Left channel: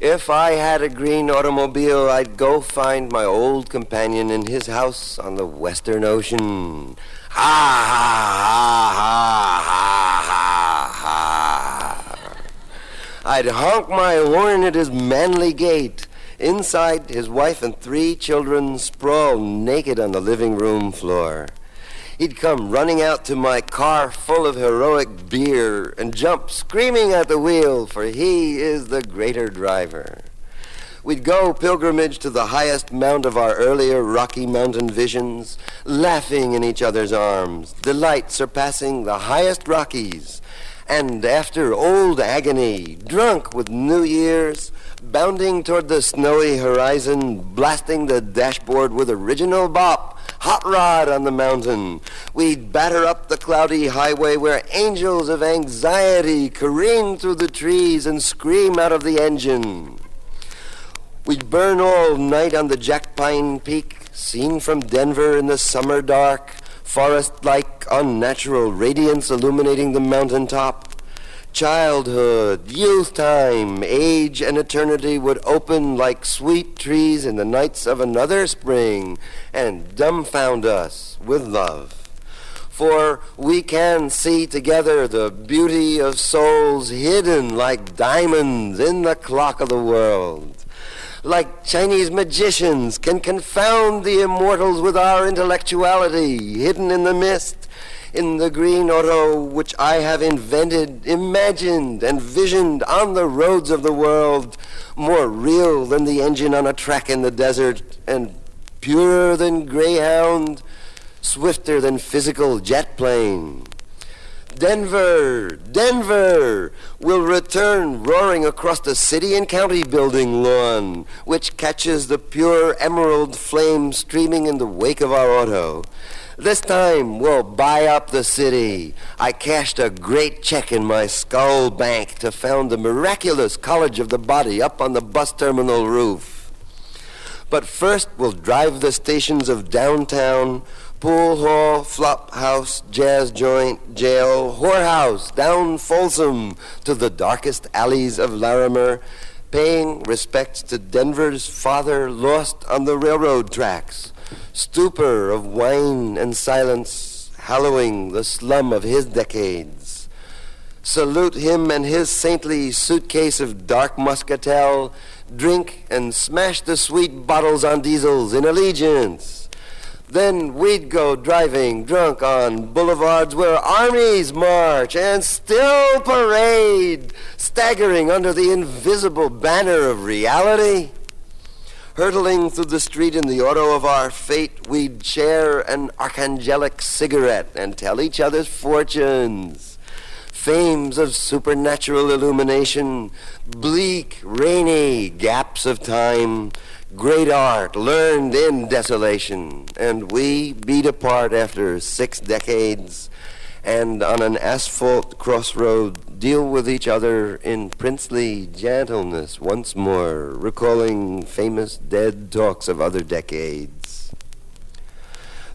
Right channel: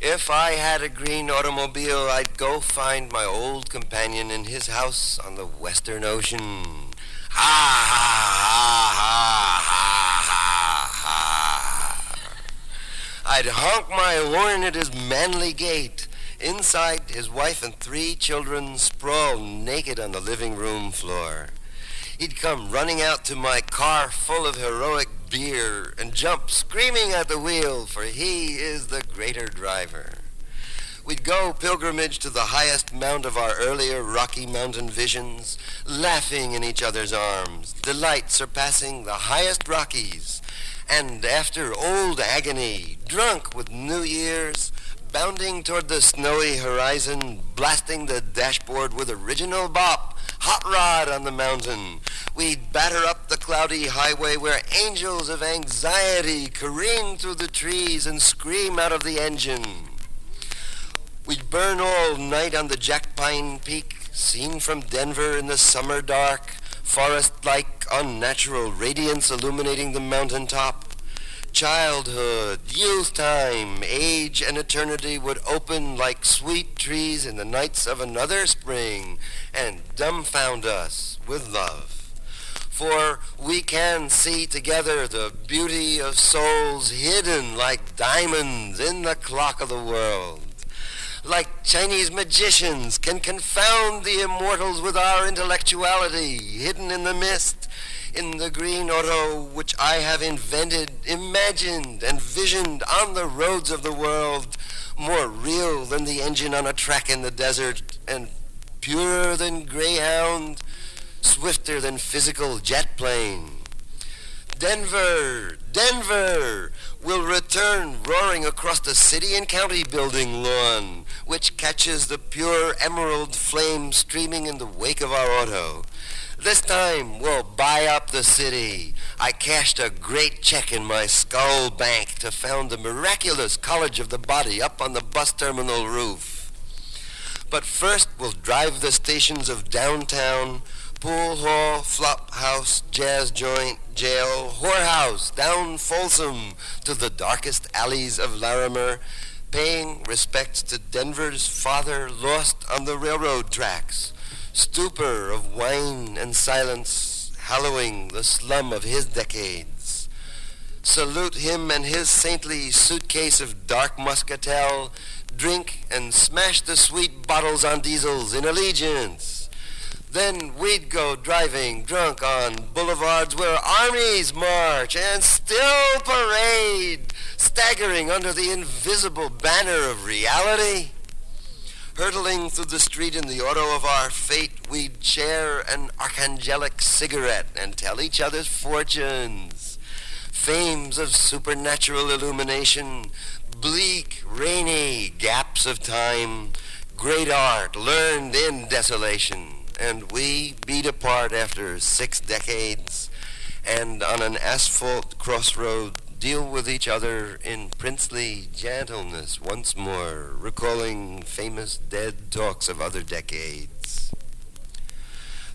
If I had a green automobile, I'd go find my old companion in his house on the Western Ocean. Ha ha ha ha ha ha ha. I'd honk my horn at his manly gait. Inside, his wife and 3 children sprawl naked on the living room floor. He'd come running out to my car full of heroic beer and jump screaming at the wheel, for he is the greater driver. We'd go pilgrimage to the highest mount of our earlier Rocky Mountain visions, laughing in each other's arms, delight surpassing the highest Rockies. And after old agony, drunk with New Year's, bounding toward the snowy horizon, blasting the dashboard with original bop, hot rod on the mountain, we'd batter up the cloudy highway where angels of anxiety careen through the trees and scream out of the engine. We'd burn all night on the Jack Pine Peak, seen from Denver in the summer dark, forest-like unnatural radiance illuminating the mountaintop. Childhood, youth time, age, and eternity would open like sweet trees in the nights of another spring and dumbfound us with love. For we can see together the beauty of souls hidden like diamonds in the clock of the world. Like Chinese magicians can confound the immortals with our intellectuality hidden in the mist, in the green auto which I have invented, imagined, and visioned on the roads of the world, more real than the engine on a track in the desert, and purer than Greyhound, swifter than physical jet plane. Denver, Denver will return roaring across the city and county building lawn, which catches the pure emerald flame streaming in the wake of our auto. This time we'll buy up the city. I cashed a great check in my skull bank to found the miraculous College of the Body up on the bus terminal roof. But first we'll drive the stations of downtown, pool hall, flop house, jazz joint, jail, whorehouse, down Folsom to the darkest alleys of Larimer, paying respects to Denver's father lost on the railroad tracks, stupor of wine and silence hallowing the slum of his decades. Salute him and his saintly suitcase of dark muscatel, drink and smash the sweet bottles on diesels in allegiance. Then we'd go driving drunk on boulevards where armies march and still parade, staggering under the invisible banner of reality. Hurtling through the street in the auto of our fate, we'd share an archangelic cigarette and tell each other's fortunes. Fames of supernatural illumination, bleak, rainy gaps of time, great art learned in desolation, and we beat apart after 6 decades, and on an asphalt crossroad deal with each other in princely gentleness once more, recalling famous dead talks of other decades.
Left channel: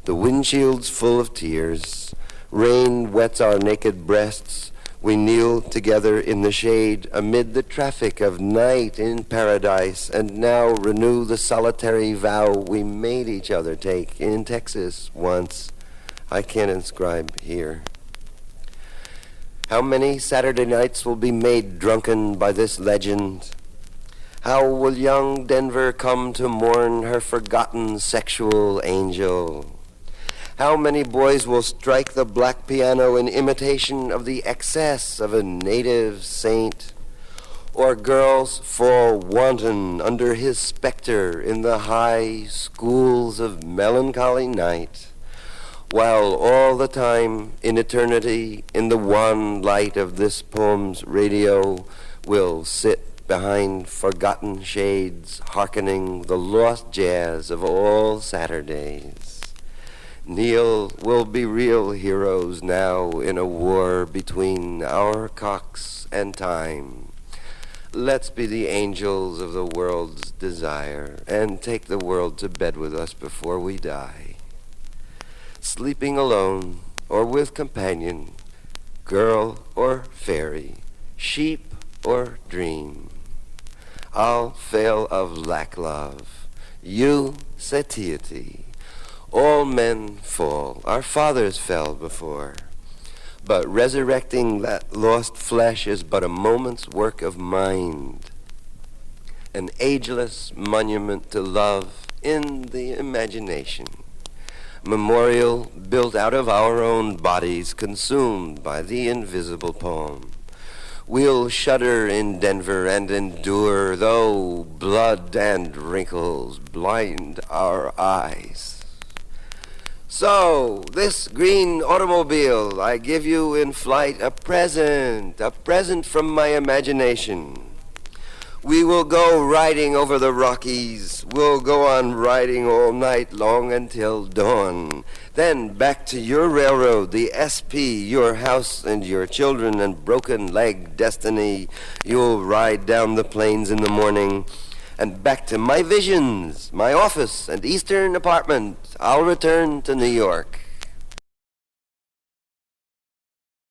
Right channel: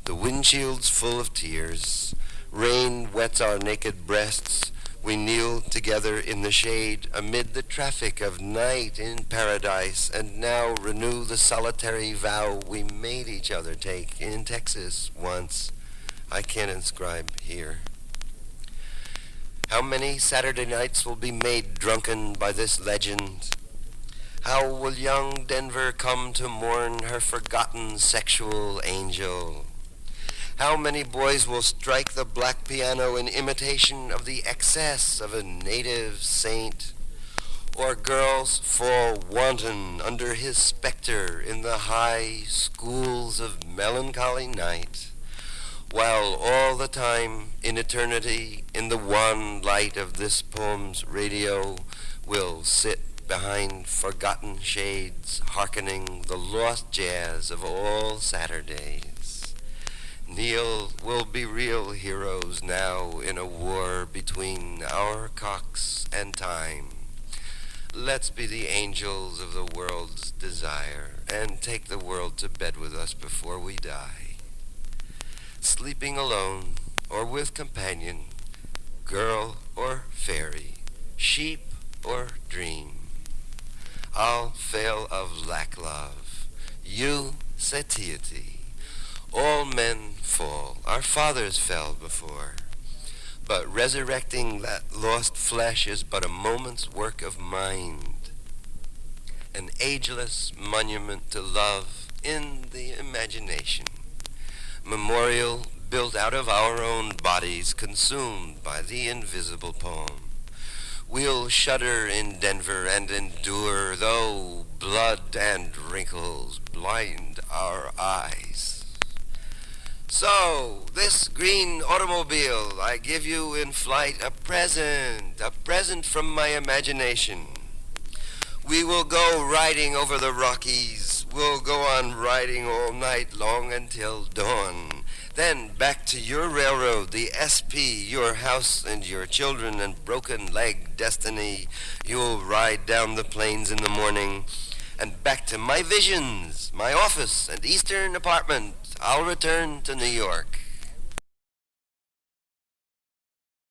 The windshield's full of tears, rain wets our naked breasts, we kneel together in the shade amid the traffic of night in paradise, and now renew the solitary vow we made each other take in Texas once. I can't inscribe here. How many Saturday nights will be made drunken by this legend? How will young Denver come to mourn her forgotten sexual angel? How many boys will strike the black piano in imitation of the excess of a native saint? Or girls fall wanton under his specter in the high schools of melancholy night, while all the time in eternity, in the wan light of this poem's radio, will sit behind forgotten shades, hearkening the lost jazz of all Saturdays. Neil will be real heroes now in a war between our cocks and time. Let's be the angels of the world's desire and take the world to bed with us before we die. Sleeping alone or with companion, girl or fairy, sheep or dream, I'll fail of lack love. You satiety. All men fall. Our fathers fell before. But resurrecting that lost flesh is but a moment's work of mind. An ageless monument to love in the imagination. Memorial built out of our own bodies consumed by the invisible poem. We'll shudder in Denver and endure, though blood and wrinkles blind our eyes. So, this green automobile, I give you in flight a present from my imagination. We will go riding over the Rockies. We'll go on riding all night long until dawn. Then back to your railroad, the SP, your house and your children and broken leg destiny. You'll ride down the plains in the morning. And back to my visions, my office and eastern apartment. I'll return to New York.